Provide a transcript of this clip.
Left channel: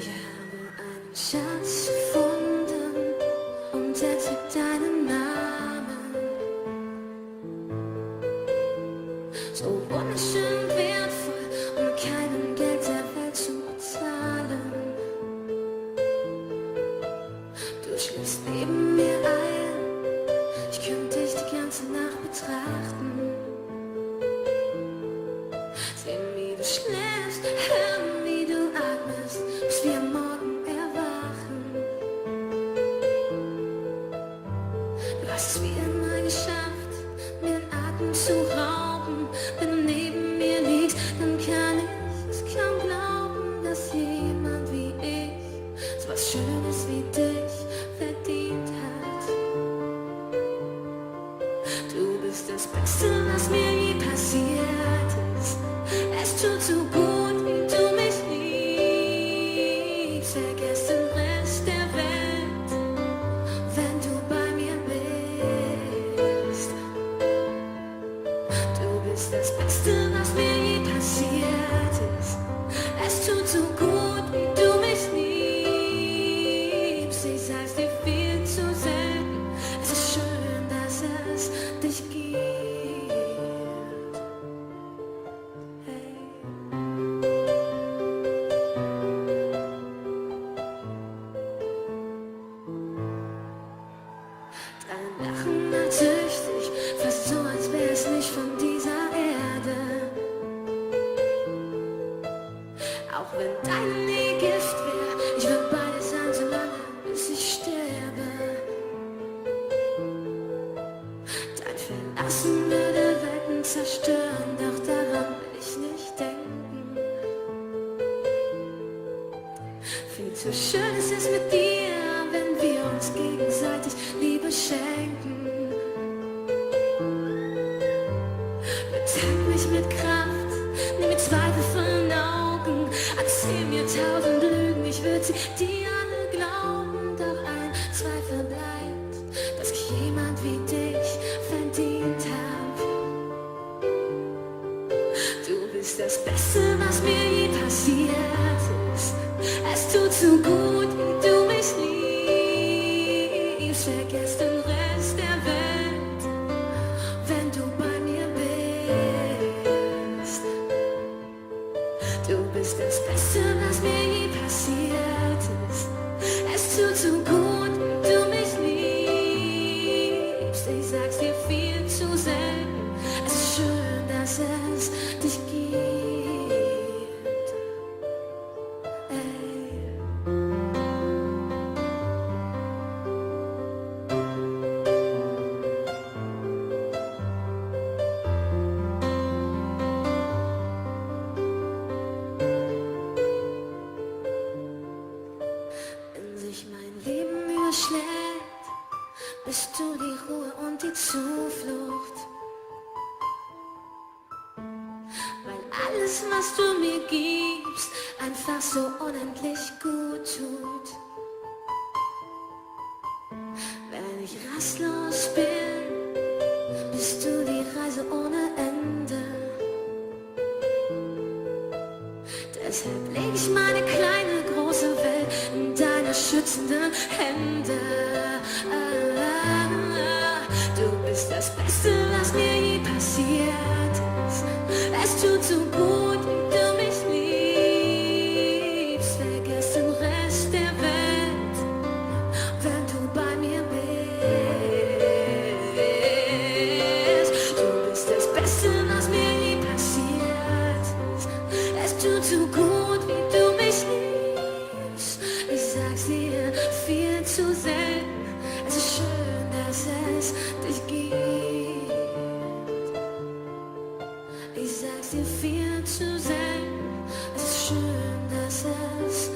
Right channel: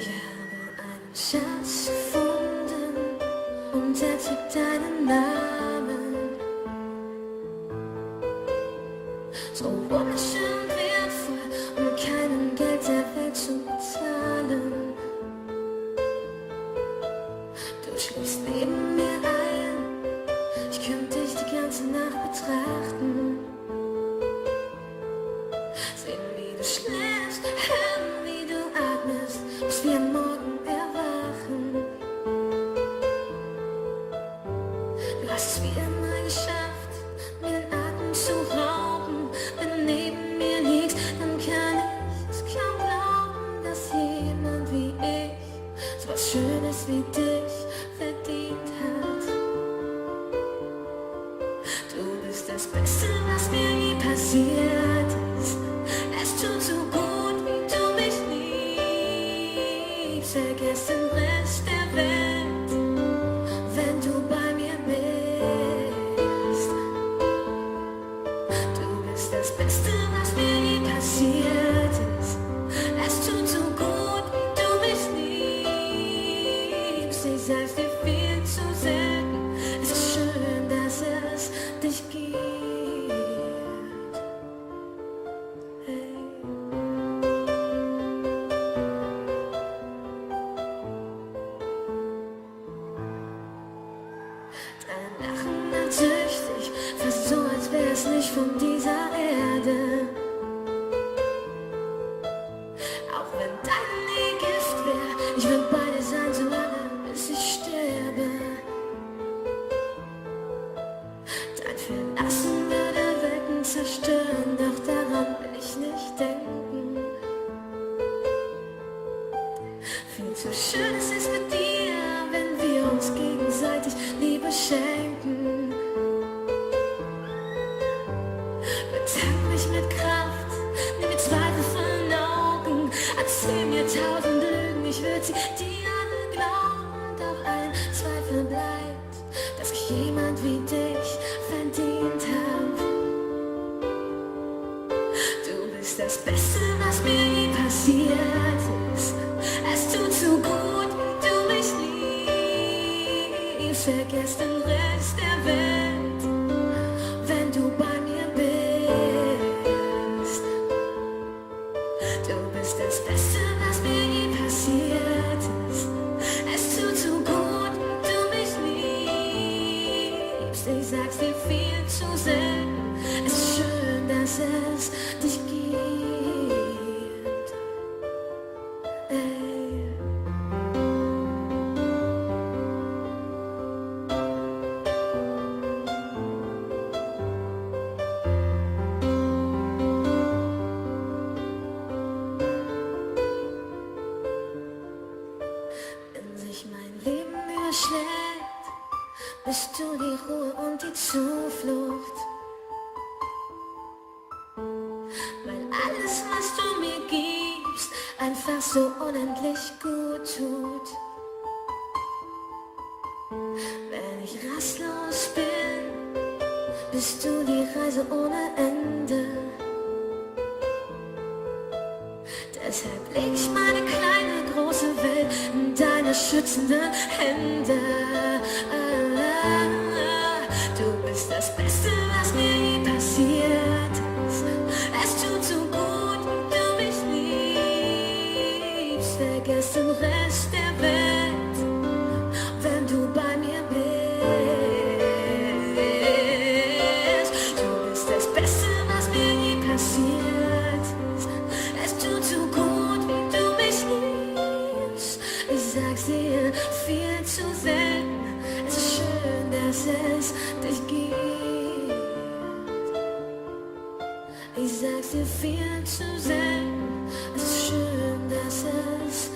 Ich habe einen Schatz gefunden und er trägt deinen Namen. So wunderschön wertvoll, um mit keinem Geld der Welt zu bezahlen. Du schläfst neben mir ein, ich könnte dich die ganze Nacht betrachten. Sehen, wie du schläfst, hören, wie du atmest, bis wir am Morgen erwachen. Du hast es wie immer geschafft, mir den Atem zu rauben. Wenn du neben mir liegst, dann kann ich es kaum glauben, dass jemand wie ich so was Schönes wie dich verdient hat. Du bist das Beste, was mir je passiert ist. Es tut so gut, wie du mich liebst. Vergiss den Rest der Welt, wenn du bei mir bist. Du bist das Beste, was mir je passiert ist. Es tut so gut, wie du mich liebst. Ich sag's dir viel zu selten. Es ist schön, dass es dich gibt. Hey. Dein Lachen macht süchtig, fast so, als wär's nicht von dieser Erde. Auch wenn deine Nähe Gift wär, ich würd bei dir sein, solange bis ich sterbe. Dein Verlassen würde Welten zerstören, doch daran will ich nicht denken. Viel zu schön ist es mit dir, wenn wir uns gegenseitig Liebe schenken. Betank mich mit Kraft, nimm mir Zweifel von den Augen, erzähl mir 1000 Lügen, ich würd sie dir alle glauben. Doch ein Zweifel bleibt, dass ich jemand wie dich verdient hab. Du bist das Beste, was mir je passiert ist. Es tut so gut, wie du mich liebst. Vergiss den Rest der Welt, wenn du bei mir bist. Du bist das Beste, was mir je passiert ist. Es tut so gut, wie du mich liebst. Ich sag's dir viel zu selten. Es ist schön, dass es dich gibt. Ey. Wenn sich mein Leben überschlägt, bist du die Ruhe und die Zuflucht. Weil alles, was du mir gibst, einfach so unendlich gut tut. Wenn ich rastlos bin, bist du die Reise ohne Ende. Deshalb leg ich meine kleine, große Welt in deine schützenden Hände. Du bist das Beste, was mir je passiert ist. Es tut so gut, wie du mich liebst. Vergiss den Rest der Welt, wenn du bei mir bist. Du bist das Beste, was mir je passiert ist. Es tut so gut, wie du mich liebst. Ich sag's dir viel zu selten. Es ist schön, dass es dich gibt. Ich sag's dir viel zu selten. Es ist schön, dass es